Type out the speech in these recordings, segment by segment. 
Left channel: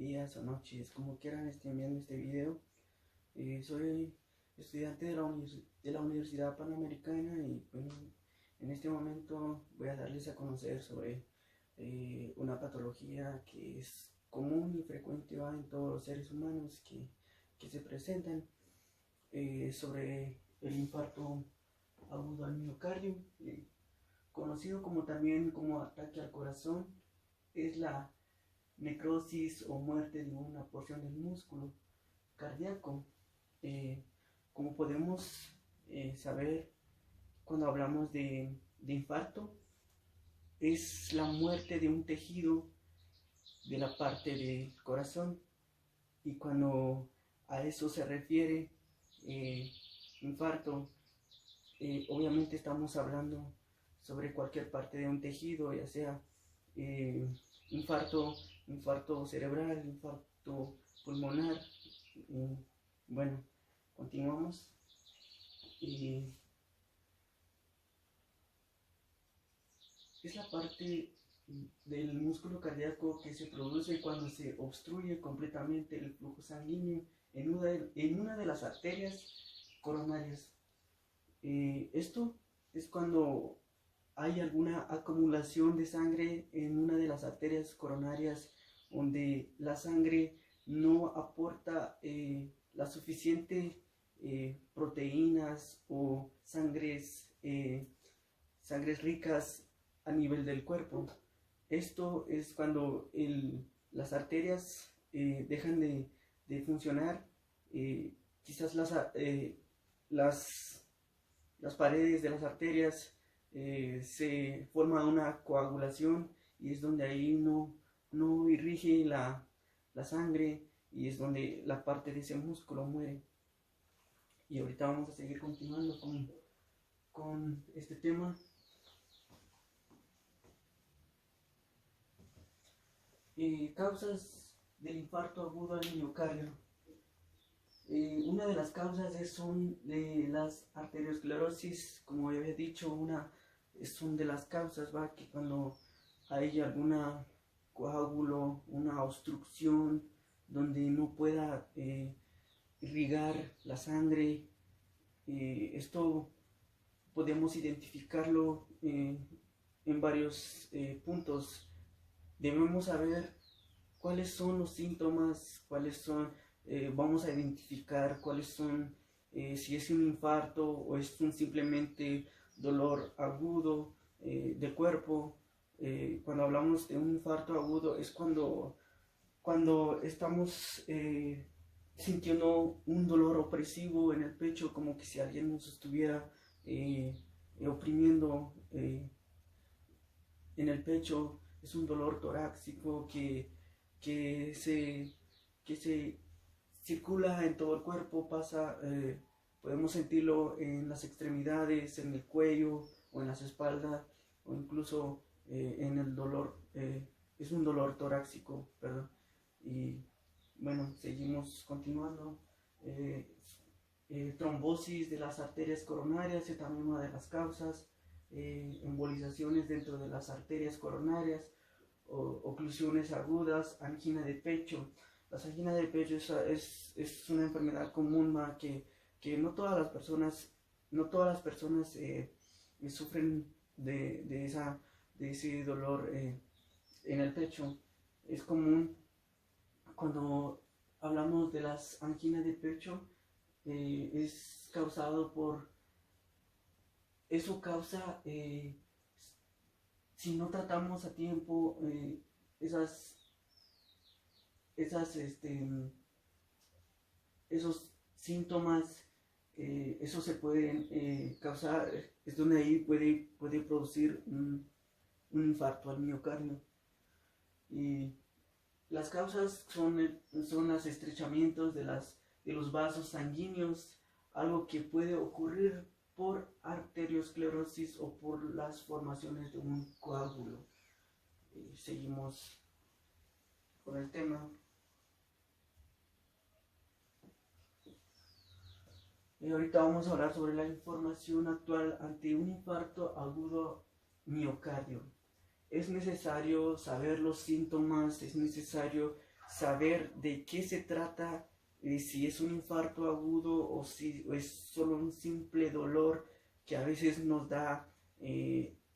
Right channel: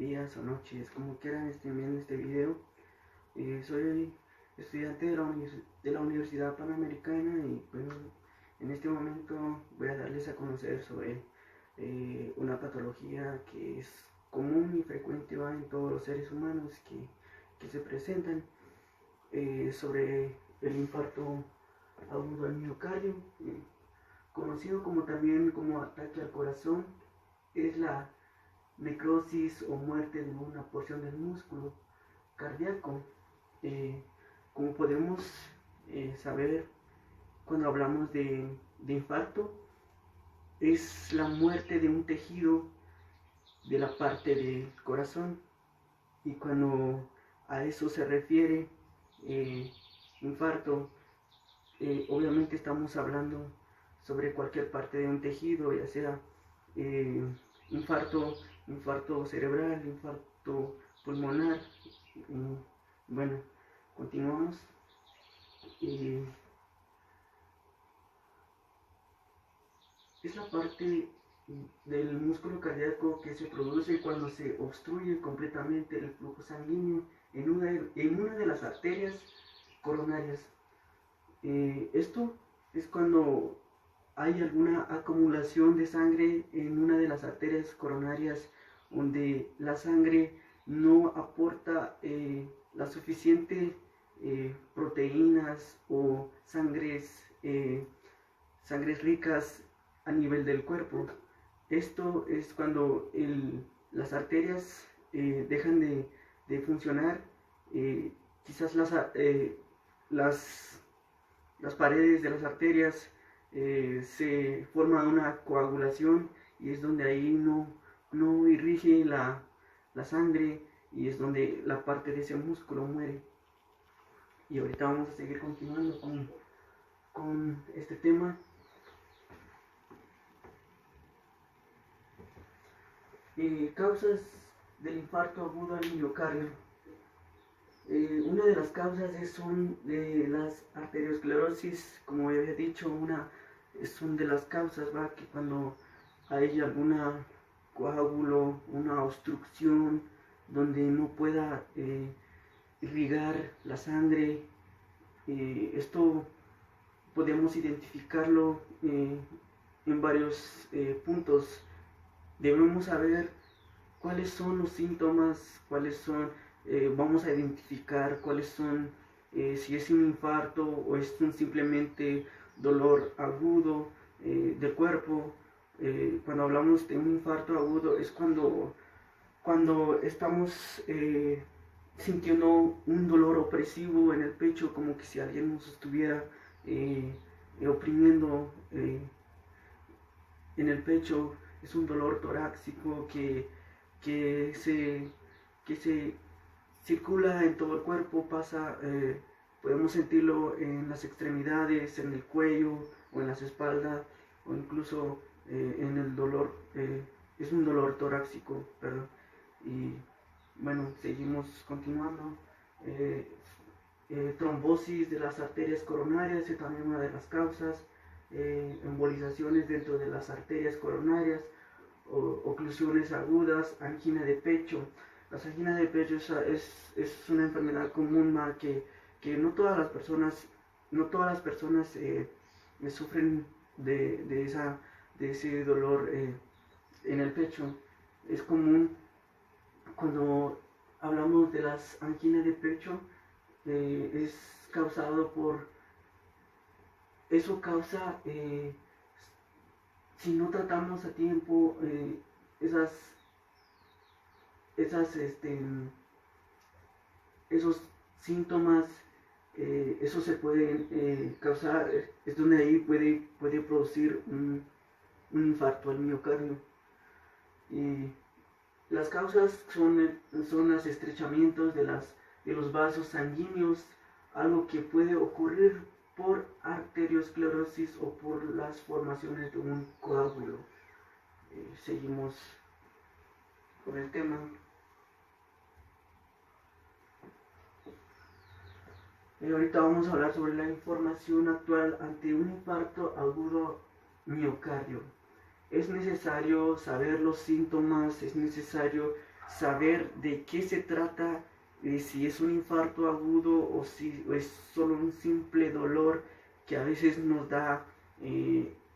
días o noches, como quieran estén viendo este video. Soy estudiante de la Universidad Panamericana y bueno, en este momento voy a darles a conocer sobre una patología que es común y frecuente en todos los seres humanos que se presentan, sobre el infarto agudo al miocardio, conocido como también como ataque al corazón. Es la necrosis o muerte de una porción del músculo cardíaco. Eh, como podemos saber, cuando hablamos de infarto, es la muerte de un tejido de la parte del corazón. Y cuando a eso se refiere infarto, obviamente estamos hablando sobre cualquier parte de un tejido, ya sea eh, infarto cerebral, infarto pulmonar. Bueno, continuamos. Es la parte del músculo cardíaco que se produce cuando se obstruye completamente el flujo sanguíneo en una de las arterias coronarias. Esto es cuando hay alguna acumulación de sangre en una de las arterias coronarias, donde la sangre no aporta las suficientes proteínas o sangres ricas a nivel del cuerpo. Esto es cuando las arterias dejan de funcionar. Quizás las paredes de las arterias se forma una coagulación, y es donde ahí no irrige la sangre, y es donde la parte de ese músculo muere. Y ahorita vamos a seguir continuando con este tema. Causas del infarto agudo al miocardio. Una de las causas son de las arteriosclerosis, como ya había dicho. Son de las causas, que cuando hay alguna coágulo, una obstrucción donde no pueda irrigar la sangre. Esto podemos identificarlo en varios puntos. Debemos saber cuáles son los síntomas, vamos a identificar cuáles son, si es un infarto o es simplemente dolor agudo del cuerpo. Cuando hablamos de un infarto agudo es cuando estamos sintiendo un dolor opresivo en el pecho, como que si alguien nos estuviera oprimiendo en el pecho. Es un dolor torácico que se circula en todo el cuerpo, podemos sentirlo en las extremidades, en el cuello o en las espaldas, o incluso en el dolor. Es un dolor torácico, perdón. Y bueno, seguimos continuando. Trombosis de las arterias coronarias es también una de las causas. Embolizaciones dentro de las arterias coronarias, oclusiones agudas, angina de pecho. Las anginas de pecho es una enfermedad común que no todas las personas sufren de ese dolor en el pecho. Es común cuando hablamos de las anginas de pecho. Es causado eso causa, si no tratamos a tiempo esos síntomas, eso se puede causar, es donde ahí puede producir un infarto al miocardio. Y las causas son los estrechamientos de los vasos sanguíneos, algo que puede ocurrir por arteriosclerosis o por las formaciones de un coágulo. Seguimos con el tema. Ahorita vamos a hablar sobre la información actual ante un infarto agudo miocardio. Es necesario saber los síntomas, es necesario saber de qué se trata, si es un infarto agudo o si es solo un simple dolor que a veces nos da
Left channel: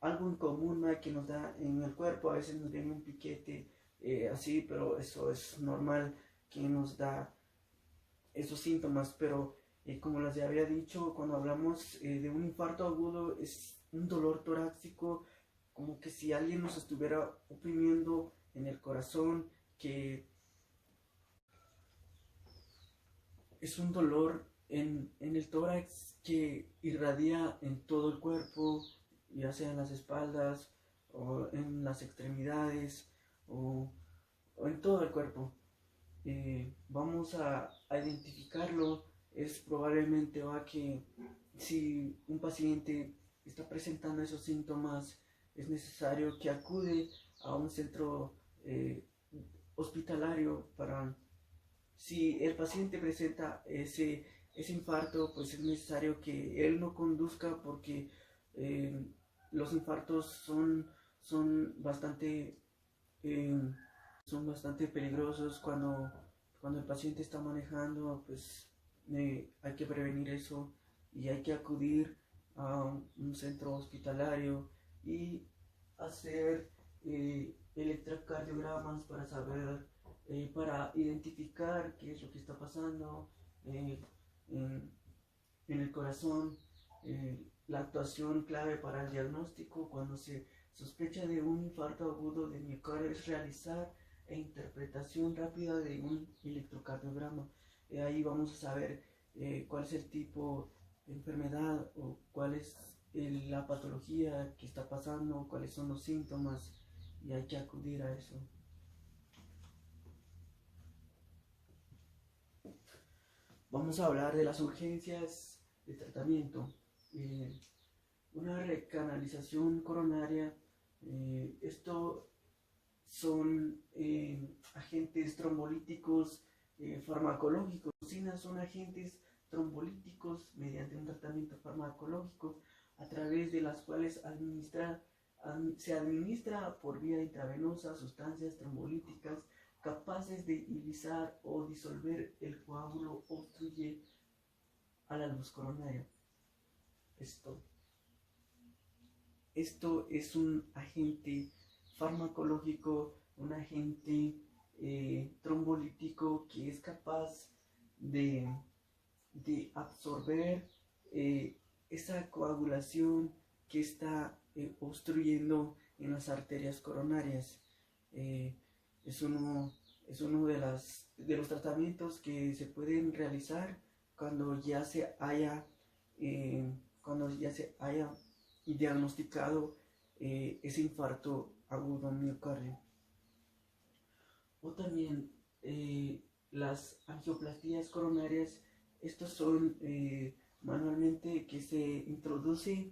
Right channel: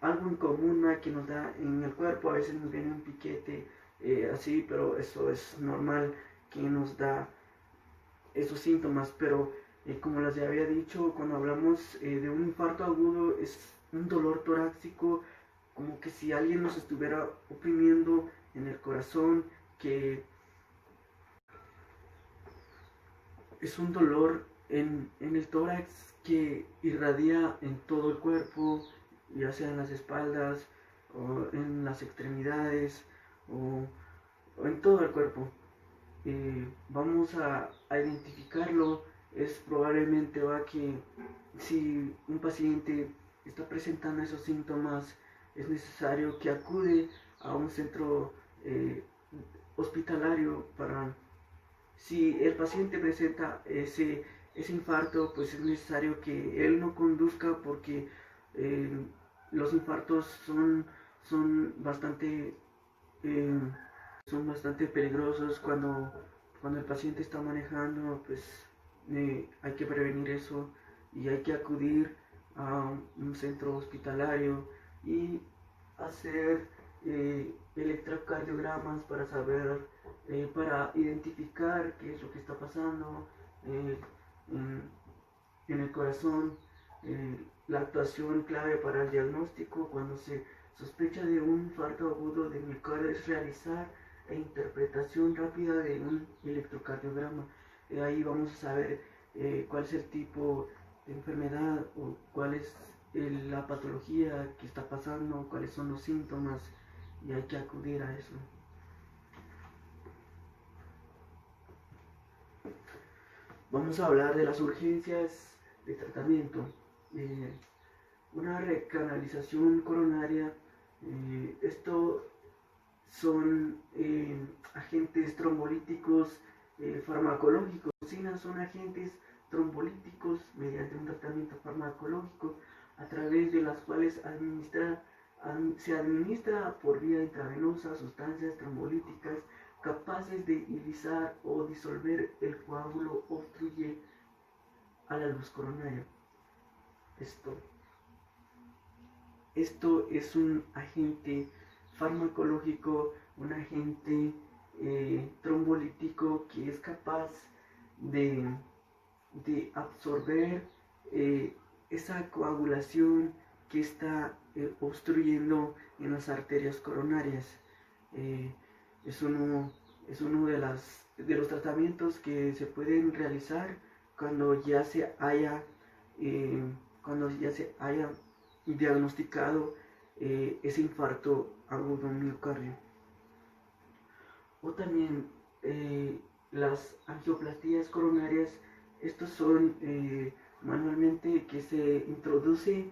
algo en común, ¿no? Que nos da en el cuerpo, a veces nos viene un piquete así, pero eso es normal que nos da esos síntomas, pero como les había dicho, cuando hablamos de un infarto agudo es un dolor torácico, como que si alguien nos estuviera oprimiendo en el corazón, que es un dolor en el tórax que irradia en todo el cuerpo, ya sea en las espaldas o en las extremidades o en todo el cuerpo. Vamos a identificarlo. Es probablemente va que si un paciente está presentando esos síntomas, es necesario que acude a un centro hospitalario para, si el paciente presenta ese infarto, pues es necesario que él no conduzca porque eh, los infartos son bastante eh, son bastante peligrosos cuando el paciente está manejando, pues hay que prevenir eso y hay que acudir a un centro hospitalario y hacer electrocardiogramas para saber, para identificar qué es lo que está pasando eh, en, en el corazón, la actuación clave para el diagnóstico cuando se sospecha de un infarto agudo de miocardio es realizar interpretación rápida de un electrocardiograma. Ahí vamos a saber cuál es el tipo de enfermedad o cuál es la patología que está pasando, cuáles son los síntomas y hay que acudir a eso. Vamos a hablar de las urgencias de tratamiento. Eh, una recanalización coronaria, esto son agentes trombolíticos farmacológicos. Son agentes trombolíticos mediante un tratamiento farmacológico a través de las cuales se administra por vía intravenosa sustancias trombolíticas capaces de irisar o disolver el coágulo obstruye a la luz coronaria. Esto es un agente farmacológico, un agente trombolítico que es capaz de, de absorber esa coagulación que está obstruyendo en las arterias coronarias. Eh, es uno, es uno de los tratamientos que se pueden realizar cuando ya se haya, cuando ya se haya diagnosticado ese infarto agudo miocardio. O también las angioplastías coronarias, estos son manualmente que se introduce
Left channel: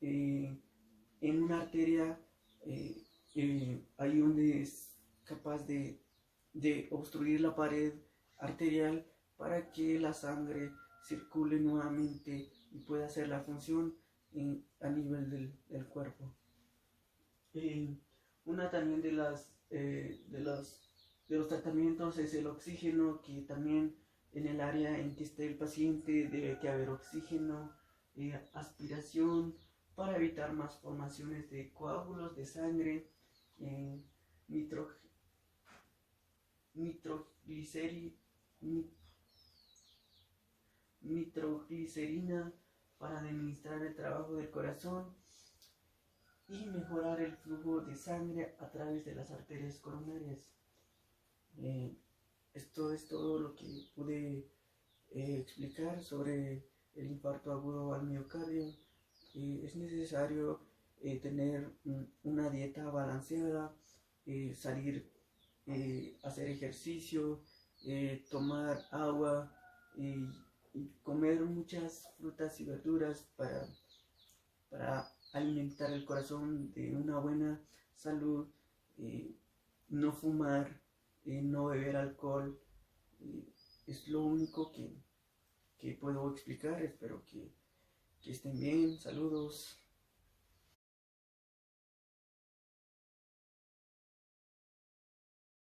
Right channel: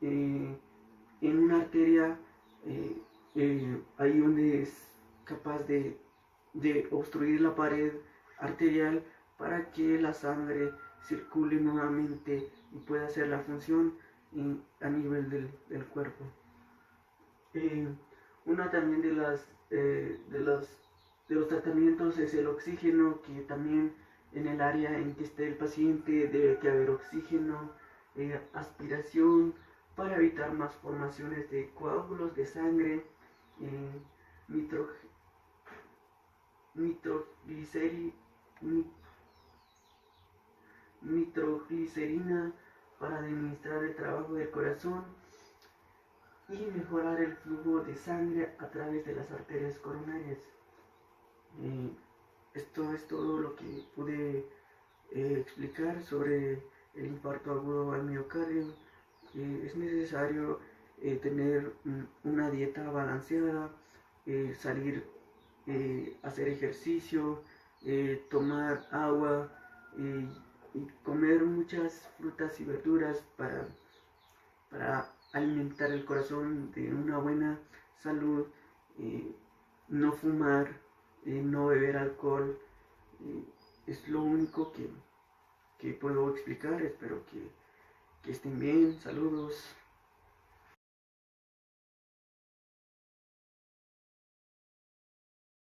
en una arteria ahí donde es capaz de obstruir la pared arterial para que la sangre circule nuevamente y pueda hacer la función a nivel del cuerpo. Una también de los tratamientos es el oxígeno, que también en el área en que esté el paciente debe que haber oxígeno, aspiración para evitar más formaciones de coágulos de sangre, nitroglicerina para administrar el trabajo del corazón y mejorar el flujo de sangre a través de las arterias coronarias. Esto es todo lo que pude explicar sobre el infarto agudo al miocardio. Es necesario tener una dieta balanceada, salir, hacer ejercicio, tomar agua y comer muchas frutas y verduras para alimentar el corazón de una buena salud, no fumar, no beber alcohol. Es lo único que puedo explicar. Espero que estén bien. Saludos.